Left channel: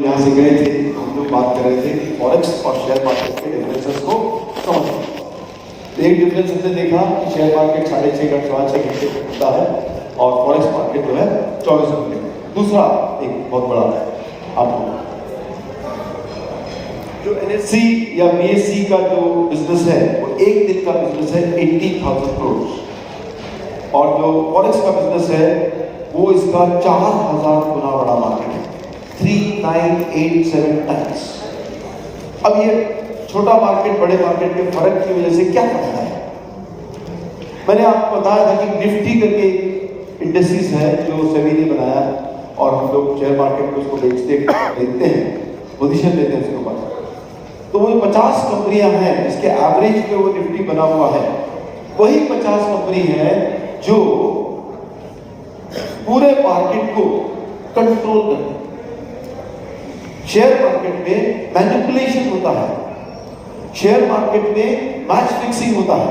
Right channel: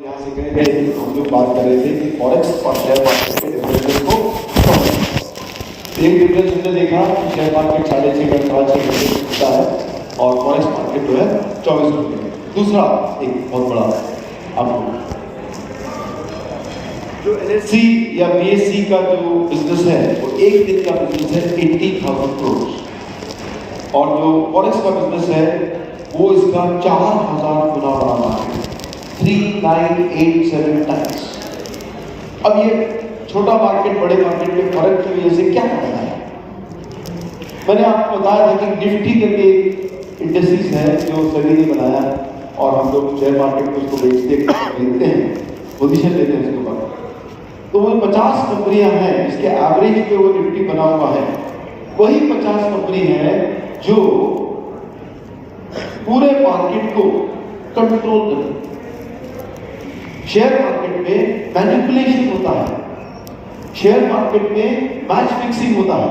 यहाँ से गए थे, हम लोग बात कर रहे थे कि फॉरेक्स और शेयर मार्केट के डिफरेंसेस को समझना। एक डिफरेंस हमने देखा कि शेयर मार्केट 6.5 घंटे खुलता है और फॉरेक्स मार्केट जो है 24 घंटे। दूसरा एक बहुत बड़ा आपको जो NSE या BSE का जो बिजनेस है वो एक दिन का बिजनेस है 80,000 करोड़ और जो फॉरेक्स का बिजनेस है वो इसका 4,000 गुना बड़ा मार्केट है, 3987 टाइम्स। अब ये छोटा मार्केट बड़े मार्केट में फर्क की वजह से क्या फायदा है? मैंने आपको बताया था कि निफ्टी करके इंडस्ट्रीज है जो सभी ने बनाया और हम लोग शेयर मार्केट में उसको बेचते खरीदते हैं, पोजीशन लेते हैं उसके ऊपर। तो वो 50 कंपनियां हैं जिसके एवरेज पे वो निफ्टी बना हुआ है, वही 50 कंपनी है जो पूरे मार्केट को कंट्रोल करती है। शेयर मार्केट में मैनिपुलेशन होता है, शेयर मार्केट में मैच फिक्सिंग होता है।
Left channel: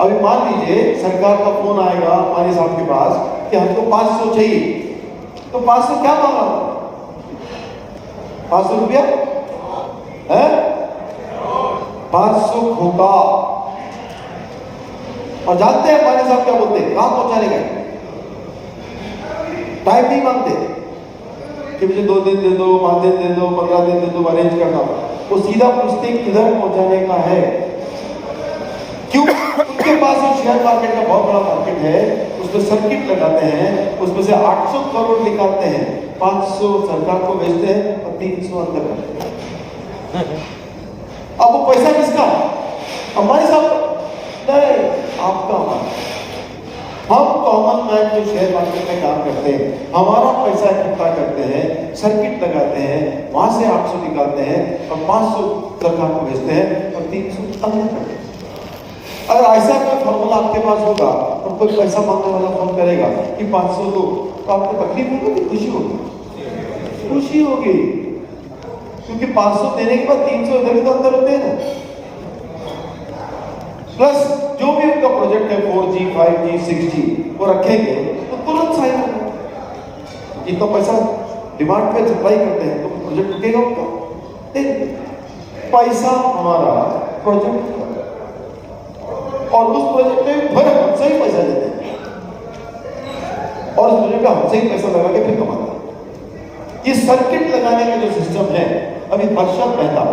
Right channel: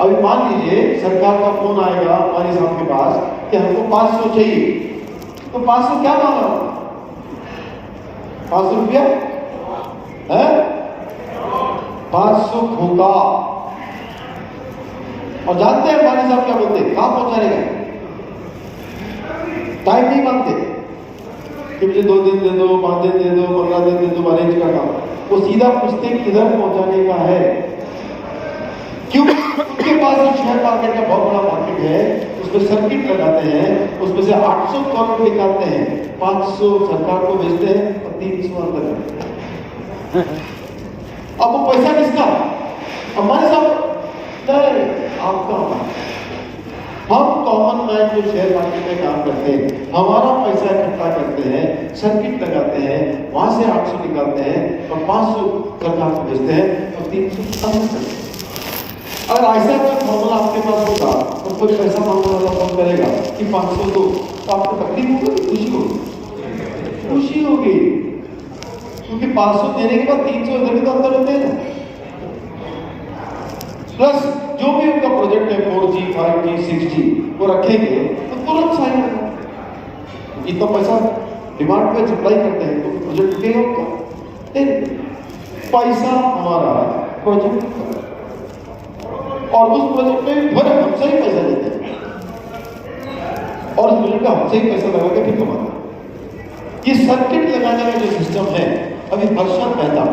अभी मान लीजिए सरकार का फोन आएगा हमारे साहब के पास कि हमको 500 चाहिए, तो 500 क्या मांगा? 500 रुपया है, 500 खोका। और जानते हैं हमारे साहब क्या बोलते हैं? कहां पहुंचाने गए? टाइम नहीं मांगते कि मुझे 2 दिन दे दो, 5 दिन दे दो, 15 दिन दे दो, अरेंज करना। वो सीधा पूछते किधर पहुंचाने का है। क्यों? उनके पास एक शेयर मार्केट का बहुत बड़ा मार्केट है, उसमें सर्किट लगाते हैं, उसमें से 800 करोड़ निकालते हैं, 500 सरकार को भेजते हैं और 300 अंदर करते हैं। अब वो पैसा किसका? हमारे साथ नहीं, आपका। हम कॉमन मैन जो शेयर मार्केट में काम करते हैं, हमारा पैसा इकट्ठा करते हैं, सर्किट लगाते हैं, वहां से 800 निकालते हैं और 500 सरकार को भेजते हैं और 300 अंदर करते हैं। अगर ऐसा कोई फॉर्मूला आपके पास होगा तो कोई पैसा मांगने वाला फोन करेगा कि 500 दो, तो आपको तकलीफ होगी, खुशी होगी? खुशी होगी, क्योंकि 500 देने के बाद 300 इधर तो अंदर होते हैं ना। प्लस जो भी उनका प्रोजेक्ट है 4G, 5G, 6G वो रखेंगे तो तुरंत साइन होगा। इतना पैसा डिमांड पे सप्लाई करते हैं तो प्रोजेक्ट रुकेगा क्या? नहीं, पैसा हमारा प्रोजेक्ट और उस प्रोजेक्ट में भी फिर हमसे ही पैसा लेते हैं और उस प्रोजेक्ट में हमसे ही पैसा लगा के फिर कमाते हैं। ये सर्किट लगाने का जो सिस्टम है, अभी हर्षद मेहता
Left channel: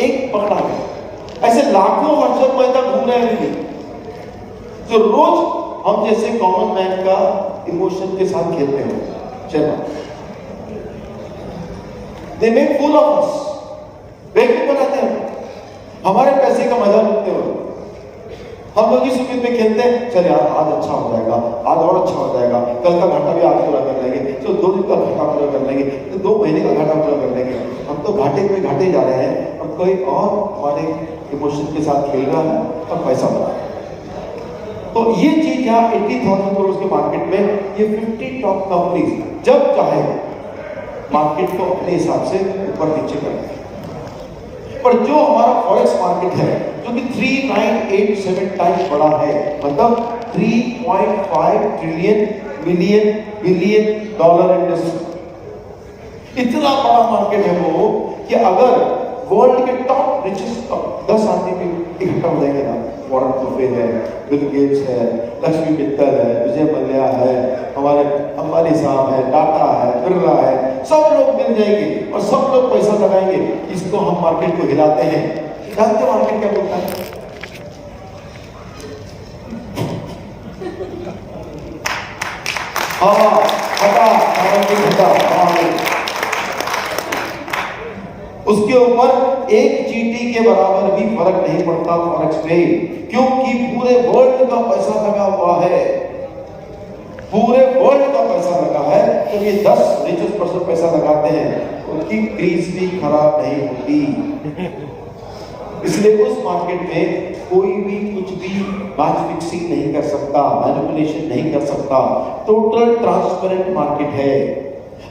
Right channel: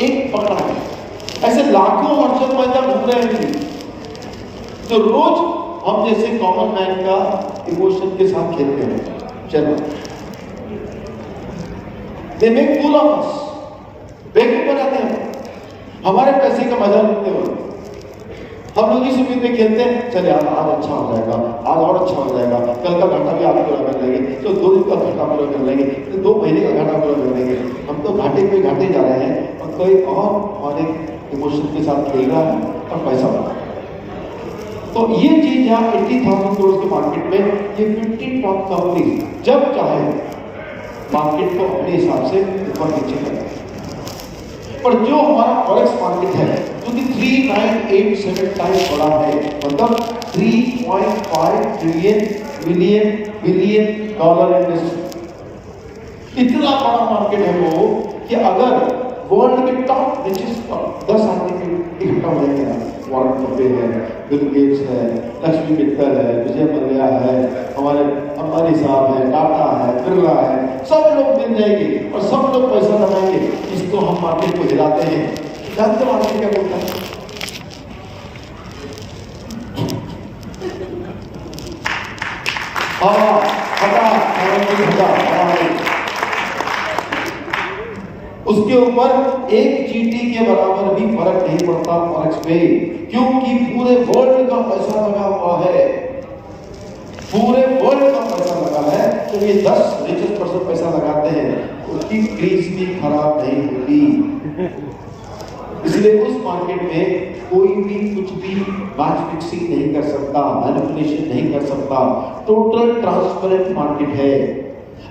एक पकड़ा गया, ऐसे लाखों हर्षद मेहता घूम रहे हैं जो रोज हम जैसे कॉमन मैन का इमोशन के साथ खेलते हैं। चलो, they make fool of us, बेवकूफ बनाते हैं, हमारे पैसे का मजा लूटते हुए। हम लोग इस उम्मीद में खेलते हैं, चल यार आज अच्छा हो जाएगा, आज और अच्छा हो जाएगा, कल का घाटा भी आज पूरा कर लेंगे, तो 2 दिन का घाटा पूरा कर लेंगे, तो 2 महीने का घाटा पूरा कर लेंगे। हम तो घाटे पे घाटे जा रहे हैं और कोई और हमारे इमोशन के साथ खेल रहा है और पैसा बना रहा है। तो ये चीज यहाँ 80,000 करोड़ के मार्केट में ये 50 टॉप कंपनीज जब चाहे मार्केट को अपने हिसाब से ऊपर नीचे करते हैं। पर जो हमारा फॉरेक्स मार्केट है जो कि 3987 टाइम्स बड़ा है, मतलब 3.5 ट्रिलियन बिलियन डॉलर इंडस्ट्री, इतना बड़ा मार्केट है वो कि अगर वर्ल्ड के टॉप रिचेस्ट 10 आदमी इकट्ठा हो जाएंगे ना, वॉरेन बफे है, बिल गेट्स है, लक्ष्मी मित्तल है, विजय मल्ल्या है, हमारे अंबानी साहब है, टाटा है, बिरला है, सब लोग मिल जाएंगे और सब लोग पैसा लगाएंगे। इसको हम मार्केट को हिलाते हैं। जानते हो मार्केट क्या बोलता है? हवा उसके ऊपर एक चींटी के बराबर भी फर्क नहीं पड़ता फॉरेक्स पे, क्योंकि पूरे वर्ल्ड का पैसा लगा हुआ है, पूरे वर्ल्ड का पैसा लगा है। तो ये 10 रिचेस्ट पर्सन पैसा लगाते हैं, उनकी क्रीज भी खराब नहीं होती। इसलिए उस मार्केट में कोई भी कुछ भी मैच फिक्सिंग नहीं कर सकता, मैनिपुलेशन नहीं कर सकता, टोटल ट्रांसपेरेंट मार्केट है।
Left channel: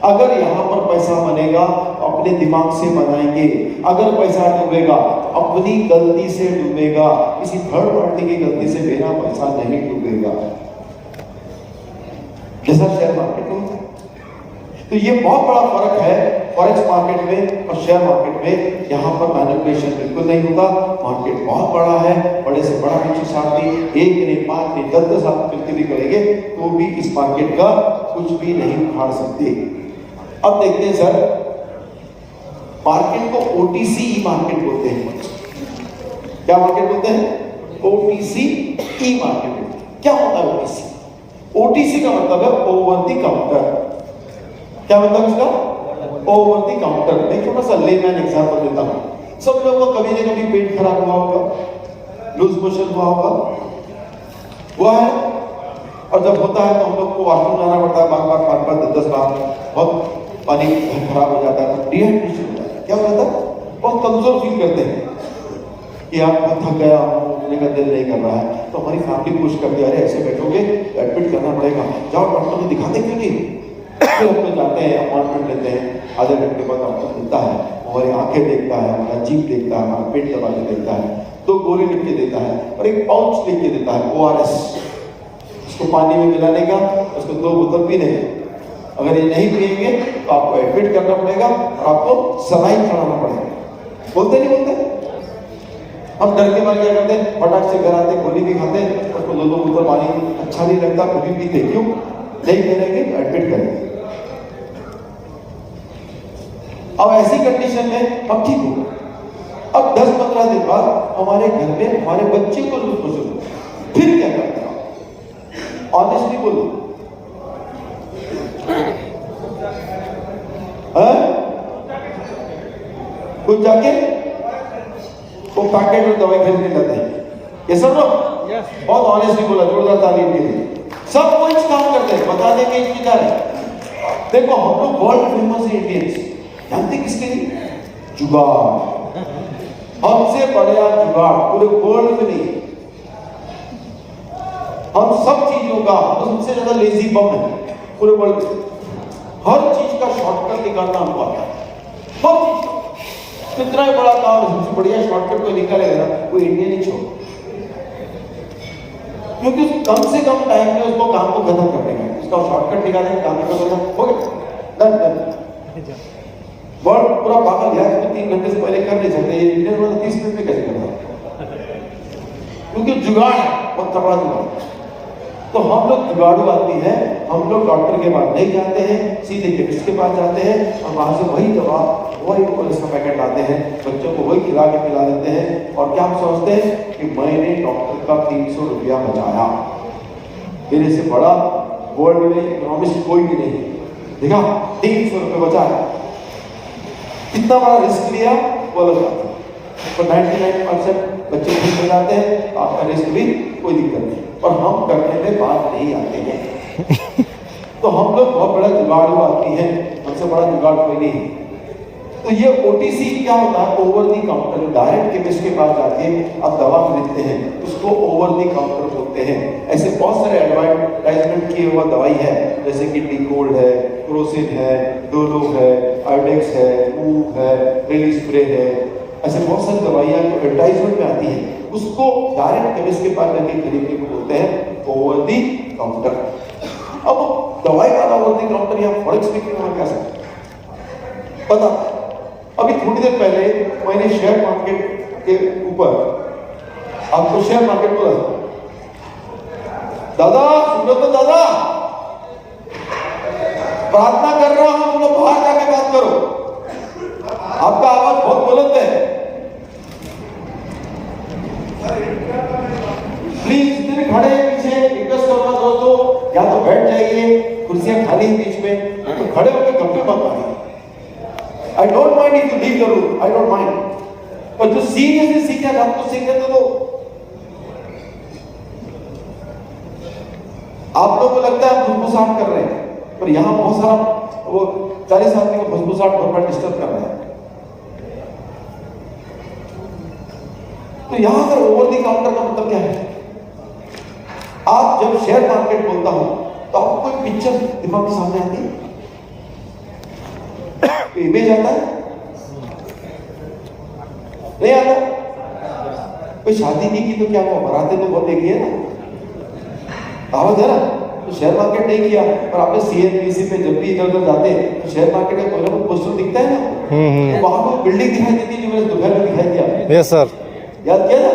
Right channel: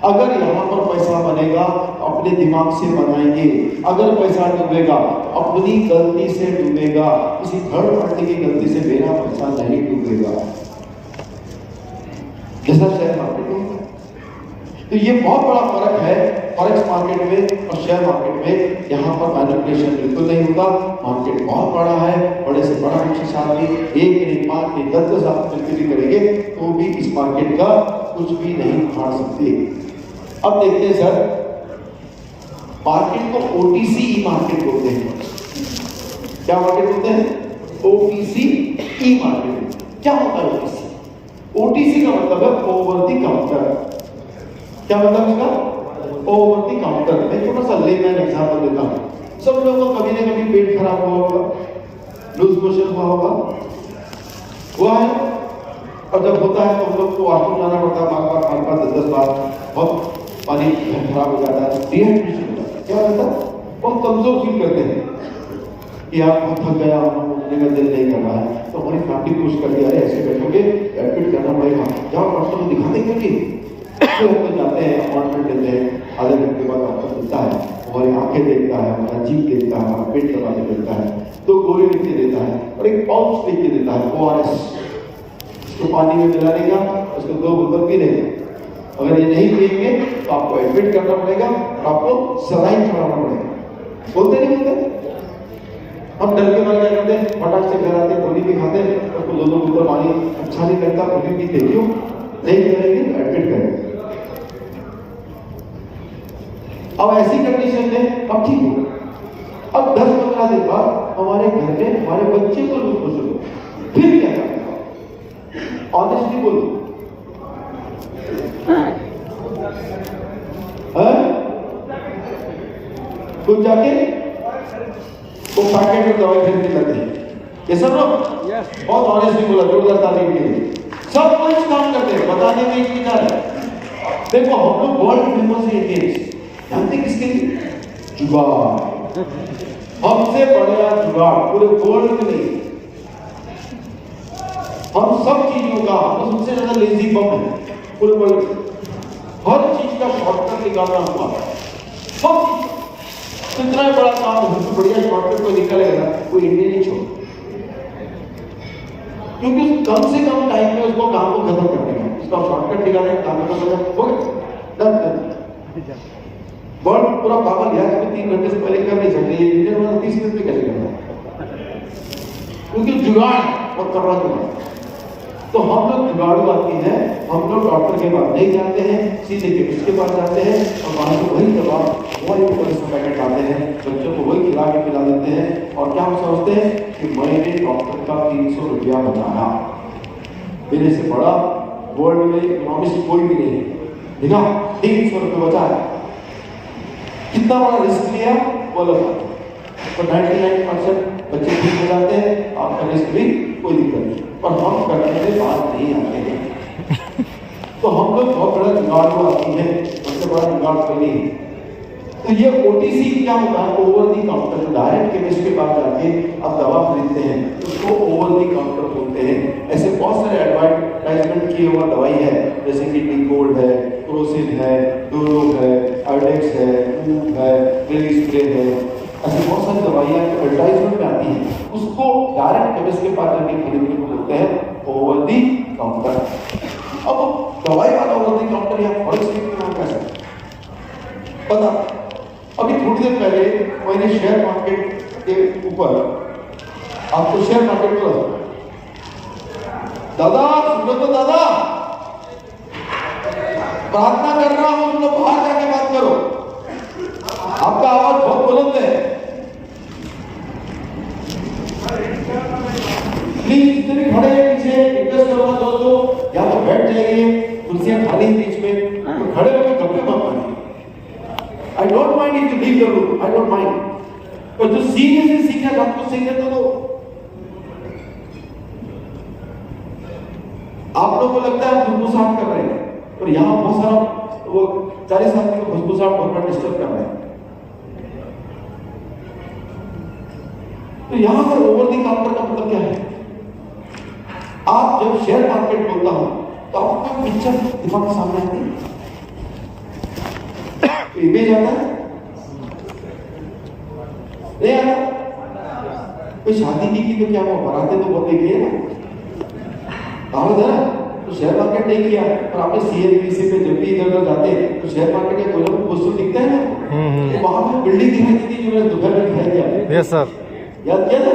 अगर यहाँ पर पैसा बनेगा अपने दिमाग से बनाएंगे, अगर पैसा डूबेगा अपनी गलती से डूबेगा, किसी थर्ड पार्टी की गलती से मेरा पैसा नहीं डूबेगा। जैसा शेयर मार्केट में तो ये बहुत बड़ा फर्क है फॉरेक्स मार्केट में और शेयर मार्केट में। यहाँ पर मैनिपुलेशन बिल्कुल नहीं होता, मार्केट बहुत बड़ा है, बड़े से बड़ा म्यूचुअल साथी एक नहीं 5 नहीं 10 साथ मिलकर भी करेंगे तो भी इस मार्केट का कुछ भी नहीं उखाड़ सकते। अब देखते हैं सर, मार्केट को ओटीसी मार्केट बोलते हैं। क्या मार्केट बोलते हैं? ओटीसी ई मार्केट। क्या होता है ओटीसी? ओटीसी का मतलब है ओवर द काउंटर। क्या मतलब इसका? Over the counter. एक छोटा सा लेमैन एग्जांपल देता हूं। सब लोगों का कभी ना कभी पेट खराब हुआ होगा, लूज मोशन हुआ होगा, हुआ है। और जब होता है तो हम लोग को वॉशरूम जाना पड़ता है, बार-बार 5-5 10-10 बार, बहुत पानी खराब हो जाता है, तो डिहाइड्रेशन हो जाता है। क्या हो जाता है? बहुत कमजोर फील करते हैं कि आप बहुत थक गया हूँ, मेरा दिल नहीं कर रहा है। तो हमारी फैमिली कोशिश करती है, अरे ऐसे बैठोगे एडमिट करना पड़ेगा, जाओ डॉक्टर को दिखाते क्यों नहीं। फिर हम लोग जाते हैं, अपॉइंटमेंट लेते हैं, आधे घंटे बाद डॉक्टर मिलता है, हमारी आंखें देखता है, हमारा जीभ देखता है, हमारा पेट दबा के देखता है, 2 गोली लिख के देता है और एक पाउच लिख के देता है ORS, उसको पानी में मिलाने का, उसको 2 बोतल पीने का। अगर ये नहीं पिएंगे तो आपको एडमिट करना पड़ेगा और आपको सलाइन चढ़ाना पड़ेगा। बोलते नहीं बोलते? हम डर के मारे क्या करते हैं, फटाक से घर आते, गोली भी खाते, उसको 2 बोतल पानी अच्छा नहीं लगता, कभी पीते। क्यों नहीं करेंगे? एडमिट करेंगे। अब ऐसी कंडीशन में हम ठीक हो गए। अब 10-15 दिन बाद हमारे घर में हमारे बच्चे को लूज मोशन हो, फिर क्या करते हैं? ऑनेस्टली बोलो, कुछ जाके वो पैकेट में दवाई खरीदने जाते हैं। ये सब लोग बहुत ऑनेस्टली बोला, जोरदार तालीम के लिए। सब कुछ काम करते हैं, बताने में इंतजार है। देखो हम लोग वर्ल्ड फेमस है इंडियंस, जानते किसके लिए? जुगाड़। हमसे बड़ा जुगाड़ पूरे वर्ल्ड में नहीं। हम सब चीजों का सबसे ज्यादा लेजी बम है पूरे वर्ल्ड में। हर चीज का शॉर्टकट निकालना हमको आता है, सब चीज। कितना बड़ा काम है, बढ़िया शॉर्टकट को निकालेगा वो इंडियन ही छोड़, क्योंकि कम से कम टाइम में उसको काम को खत्म करने का, उसका शॉर्टकट निकालेगा, काम को खत्म हो गया, डन। वर्ल्ड पूरा पागल यार, 3 घंटे से पहले कर नहीं सकते, ये इंडियन वाला 30 मिनट में कैसे करता है? क्योंकि जुगाड़ बहुत तगड़ा जुगाड़। तो हम लोग जुगाड़ू आदमी हैं, हम लोग डॉक्टर के पास नहीं जाते हैं, सीधे केमिस्ट के पास जाते हैं और वहां से वही दवा वही का पैकेट लाते हैं, बच्चों को वही खिला के पिला देते हैं। और क्या हम सोचते हैं कि मैंने डॉक्टर का 300 रुपया बचाया, मेरे से बड़ा वर्ल्ड में इकोनॉमिस्ट कोई भी नहीं है, देखा 300 रुपये बचाया। कितना बड़ा रिस्क लिया वो लोग, तो 99% बच्चे ठीक हो जाते हैं, आपका रिस्क भी कोई दिक्कत नहीं, पर हम करने में बात नहीं आते हैं। तो हम लोग बहुत बड़ा जुगाड़ आती है, हमसे बड़ा जुगाड़ कोई नहीं है। तो ये ओटीसी क्या होता है? Over the counter. Direct chemist के पास जाके आप दवा खरीदते हैं, उसको ओवर दी काउंटर बोलते हैं। ऐसे बहुत सारे एडवर्टाइजमेंट किए हुआ दवाई है, जैसे कि डिकोल्ड है, क्रोसिन है, डोलो है, आइडेक्स है, ऊफ है, रेली स्प्रे है, ऐसे बहुत सारी दवाइयाँ जो एडवर्टाइजमेंट में आती हैं, उसको डायरेक्ट केमिस्ट के पास जाके खरीदने को बोलते हैं ओवर दी काउंटर। अब दवाई वाला ओवर दी काउंटर या फॉरेक्स में कैसे पता? अभी थोड़ी देर पहले मैंने शेयर मार्केट के ऊपर आपको शेयर मार्केट बोला, दादा सुनो तो दादा, प्रार्थना कर रहा हूं, तुम लोग बाहर जाके बात करो, आपका आवाज बहुत बुलंद है, प्लीज जितने खड़े हैं पीछे रिक्वेस्ट करूंगा दोस्तों, या तो बैठ जाइए, कुर्सियां खाली हैं बीच में, तो खड़े होकर गप्पे मत मारिए। I don't mind if you leave the room, I don't mind, पर जो सीरियसली सीखना था तो सीखने तो दो। आप लोगों को लगता है हम फुसफुसाहट कर रहे हैं, पर यहाँ बहुत सारा वो 40 आदमी को फुसफुसाहट बहुत डिस्टर्ब कर रहे हैं। तो यहाँ पर ओवर दी काउंटर का मतलब क्या है? आप जब शेयर मार्केट बोलता हूं तो आपको कोई पिक्चर दिमाग के सामने आती है, इमेज आता है? नहीं आता? कोई शादी नहीं की तो क्या वो बराते तो बहुत देखी है ना, आवाज है ना, तो शेयर मार्केट नहीं किया, और आपने CNBC पे जब भी इधर उधर जाते हैं तो शेयर मार्केट का कोई ना कोई पोस्टर दिखता है ना, तो वहां पर बिल्डिंग दिखाई देती है जो मैंने दोपहर में दिखाई दिया। यस सर, याद किया ना,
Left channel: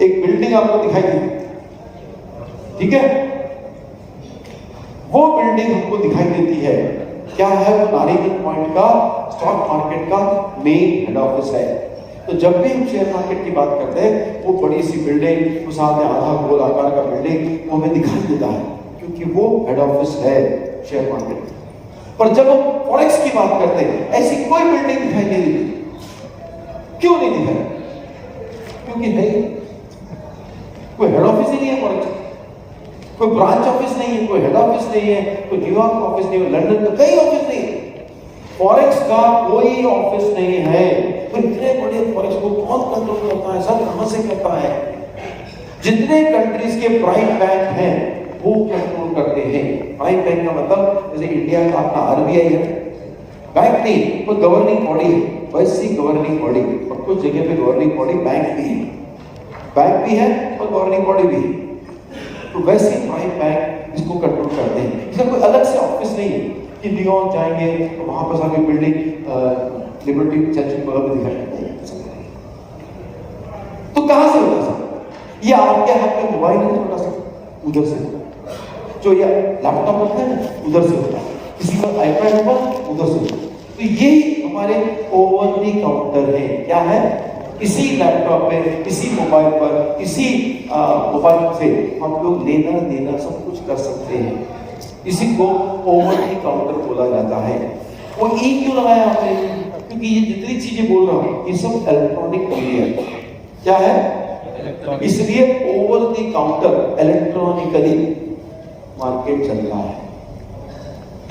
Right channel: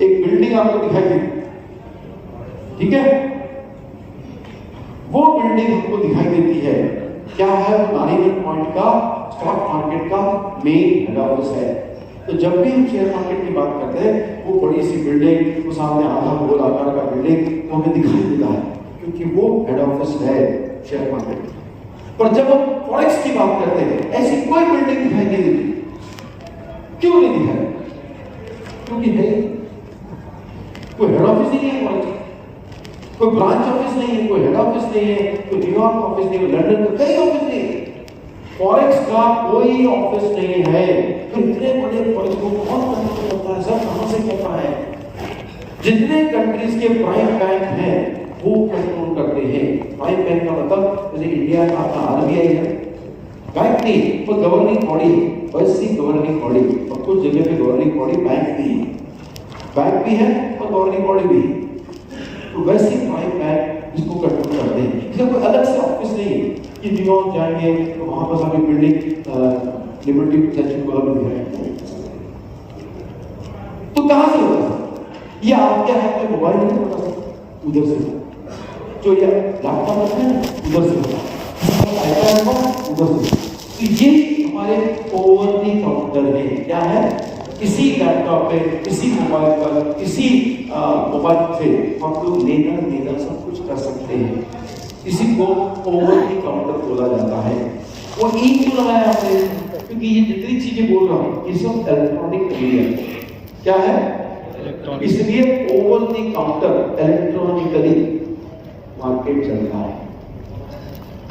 एक बिल्डिंग आपको दिखाई दी, ठीक है, वो बिल्डिंग हमको दिखाई देती है। क्या है वो? नारीगंज पॉइंट का स्टॉक मार्केट का मेन हेड ऑफिस है। तो जब भी हम शेयर मार्केट की बात करते हैं, वो बड़ी सी बिल्डिंग, वो सामने आधा गोल आकार का बिल्डिंग वो हमें दिखाई देता है, क्योंकि वो हेड ऑफिस है शेयर मार्केट। पर जब हम फॉरेक्स की बात करते हैं, ऐसी कोई बिल्डिंग दिखाई नहीं देती। क्यों नहीं दिखाई? क्योंकि है कोई हेड ऑफिस ही नहीं है फॉरेक्स, कोई ब्रांच ऑफिस नहीं है, कोई हेड ऑफिस नहीं है, कोई न्यूयॉर्क ऑफिस नहीं है, लंदन का कई ऑफिस नहीं है, फॉरेक्स का कोई ऑफिस नहीं है। तो इतने बड़े फॉरेक्स को कौन कंट्रोल करता है? सब कहां से करता है? जितने कंट्रीज के प्राइम बैंक हैं वो कंट्रोल करते हैं। प्राइम बैंक का मतलब जैसे इंडिया का अपना RBI है, बैंक नहीं, वो गवर्निंग बॉडी है, वैसी गवर्निंग बॉडी, और कुछ जगह पे गवर्निंग बॉडी बैंक भी है, बैंक भी है और गवर्निंग बॉडी भी है। तो वैसे प्राइम बैंक इसको कंट्रोल करते हैं। इसका कोई अलग से ऑफिस नहीं है कि न्यूयॉर्क जाएंगे तो वहां पर सारी बिल्डिंग लिबर्टी चर्च वगैरह भी दिखाई। तो कहां से होता सर? ये आपके हाथ में मोबाइल नहीं होता सर, उधर से जो ये लैपटॉप होता है उधर से होता है, इस पर आईपैड होगा उधर से। तो ये हमारे ओवर द काउंटर है। क्या है? इसी लैपटॉप पे, इसी मोबाइल पर, इसी मोबाइल से हम लोग लेना देना सब कुछ कर सकते हैं। इसी को ओवर द काउंटर बोला जाता है। वो ई क्यों लगाया आपने? क्योंकि ये जितनी चीजें बोल रहा हूं ये सब इलेक्ट्रॉनिक मीडिया क्या है, इसलिए over the counter electronically market चल रहा है।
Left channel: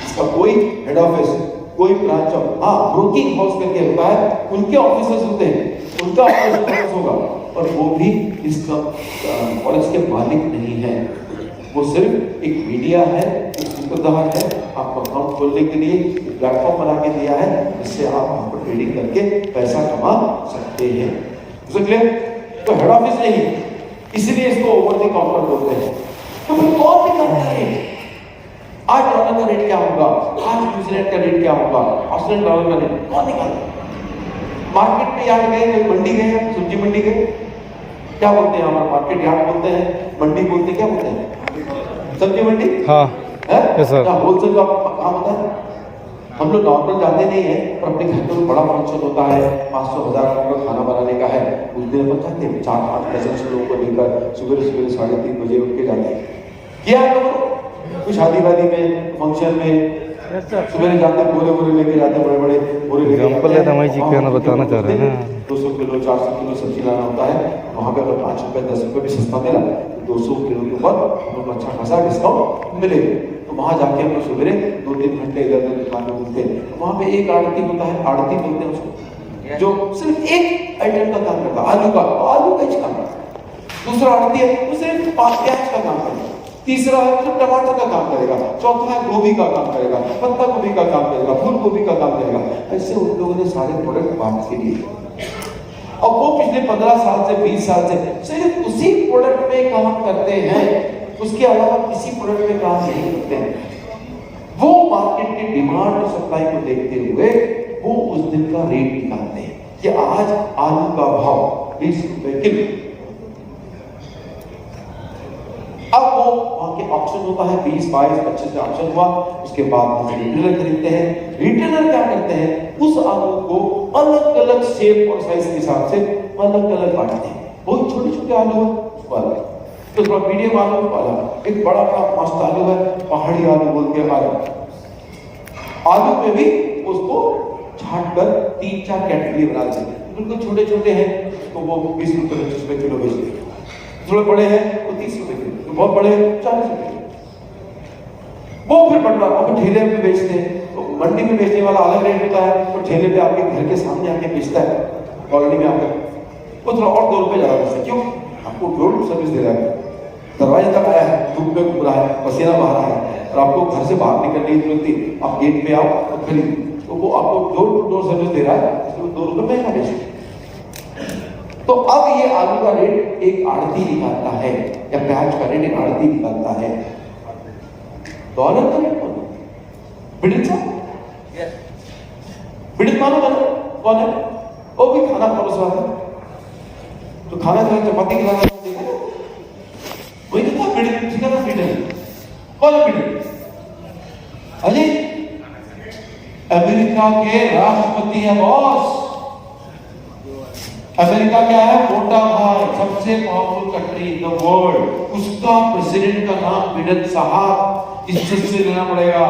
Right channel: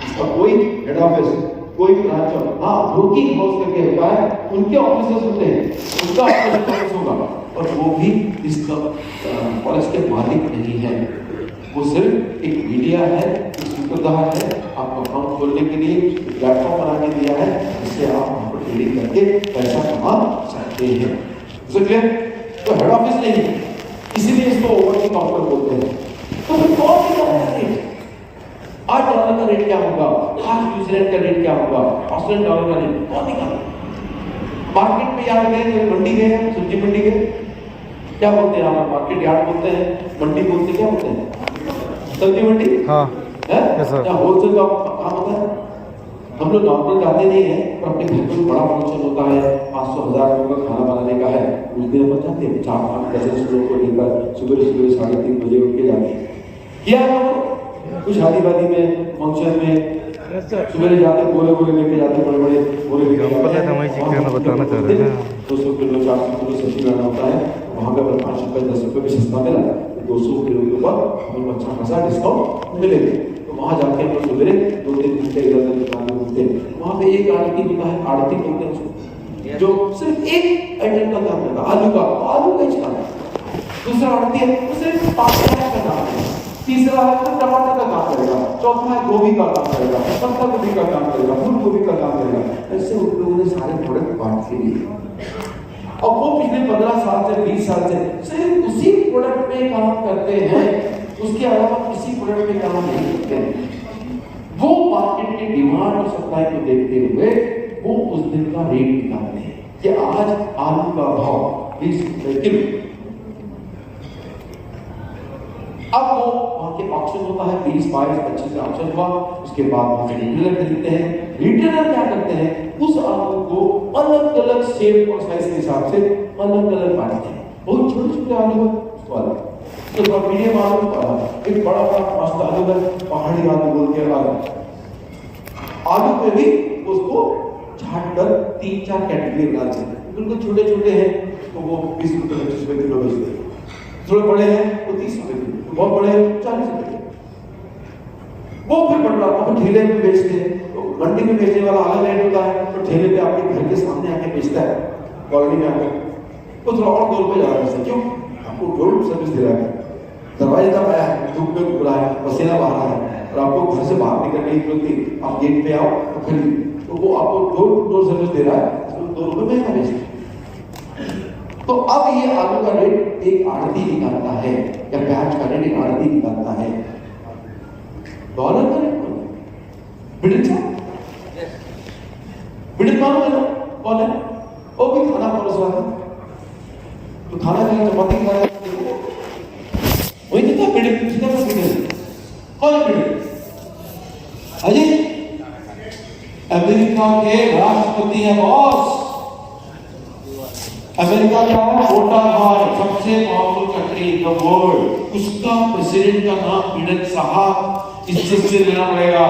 इसका कोई हेड ऑफिस, कोई ब्रांच, हाँ ब्रोकिंग हाउस करके होता है, उनके ऑफिसर्स होते हैं, उनका ऑफिस होगा, और वो भी इसका फॉरेक्स के मालिक नहीं है। वो सिर्फ एक मीडिया है, एक सूत्रधार है, आपको अकाउंट खोलने के लिए प्लेटफॉर्म बना के दिया है, जिससे आप वहां पर ट्रेडिंग करके पैसा कमा सकते हैं। क्लियर? तो हेड ऑफिस नहीं है, इसीलिए इसको ओवर द काउंटर बोलते हैं। तो फिर कौन निकालेगा? आज डॉलर का रेट क्या होगा, आज न्यूजीलैंड का रेट क्या होगा, ऑस्ट्रेलियन डॉलर का रेट कौन निकालेगा? मार्केट में यार गए, कोई मंडी गए, सब्जी मंडी गए, क्या बोलते हैं आप? मार्केट यार्ड बोलते हैं, मंडी बोलते हैं, क्या बोलते हैं? सब्जी मंडी। हाँ है, क्या होलसेल का काम होता है? हम लोग नॉर्मल जाते नहीं है, पर अपने घर में बड़ा फंक्शन होता है, 500-1000 लोगों का खाना बनाने का है, उस दिन अपन जाते हैं 4-5 डजन लोगों को लेकर सुबह 3:30 बजे उठ के जाते हैं। क्या लोग कुछ शादी वादी में, फंक्शन में सुबह जाते, बोरे लेके जाते, बड़े बोरे लेके जाते, 200 किलो 400 किलो सब्जी लाना होता है। वहाँ पे अगर 5 रुपए 10 रुपए भी सस्ता मिला तो 200 किलो के ऊपर हम लोग अच्छा खासा डिस्काउंट मिलेगा। तो वहाँ जाके हम लोग सुबह 2-3 घंटे इधर दुकान में घूमते हैं। वहाँ पे एक आड़ती होता है, आड़ती बोलते हैं उसको, जो सिर्फ एक आइटम का काम करता है, आलू का काम। दूसरा आड़ती है तो सिर्फ प्याज का काम करेगा, तीसरा है तो टमाटर का काम करेगा, चौथा है गोभी का काम करेगा, पत्ता गोभी का काम करेगा, फूल गोभी का काम करेगा। ऐसे उन लोगों ने सारे प्रोडक्ट बांट के लिए, और वो पिछले 15 साल से 20 साल से सिर्फ उसी प्रोडक्ट में काम करते हैं, उसके अलावा किसी प्रोडक्ट में काम नहीं करते हैं। वो मार्केट की डिमांड और सप्लाई को देखते हुए वो उस दिन का रेट निकालते हैं कि आज आलू का भाव 20 रुपए किलो। अब वो वहां के ऑप्शन होता है, 20, 22, 25 से ऑप्शन हुआ, उसके बाद रिटेलर खरीदते हैं। रिटेलर क्या करते हैं, उस आलू को अलग अलग शेप और साइज के हिसाब से अलग अलग बांटते हैं। बहुत छोटे छोटे आलू है उसको अलग, तो थोड़ा मीडियम आलू को अलग, एक बड़ा बड़ा मस्त आलू है, पहाड़ी आलू बोल के अलग। आलू पे भी उसको छाट कर 3-4 कैटेगरी बना देते हैं। बिल्कुल छोटे छोटे हैं तो वो 20 रुपए 25 रुपए किलो बेचते हैं, थोड़े बड़े हैं वो 30 रुपए किलो, तो बहुत बड़े 40 रुपए। वो फिर बढ़ रहा, वो ठेले में बेचते हैं। तो मंडी में बेचने वाला अलग रेट होता है, तो ठेले पे आपके घर के सामने आके बेचता है, कॉलोनी में आकर वो थोड़ा और 2 रुपए ज्यादा बेचता है। क्यों? आपको डोर सर्विस दे रहा है, दरवाजे तक आया है, धूप में घूम रहा है, पसीना बहा रहा है, और आपको घर से बाहर निकलने की जरूरत नहीं, आप गेट पे आओ और खरीद, तो वो आपको डोर सर्विस दे रहा है, तो 2 रुपए महंगा बेचता है। तो अब ये आलू का रेट एक आड़ती निकालता है या प्याज का रेट एक आड़ती निकालता है। डॉलर का रेट बिड़ित बिड़ित मालूम है कौन है? वो भी खाना परोसवा है, तो खाना जो है चपाती खाना वही दिखा बिड़ित, जिसका तो बिड़ित कौन है बिड़ित? अजय अमेरिका के राष्ट्रपति है बॉस। अमेरिका क्या है? मोटा भाई, सबसे powerful country in the world, उसका प्रेसिडेंट का नाम बिडेन साहब, इज्जत से लेना पड़ेगा।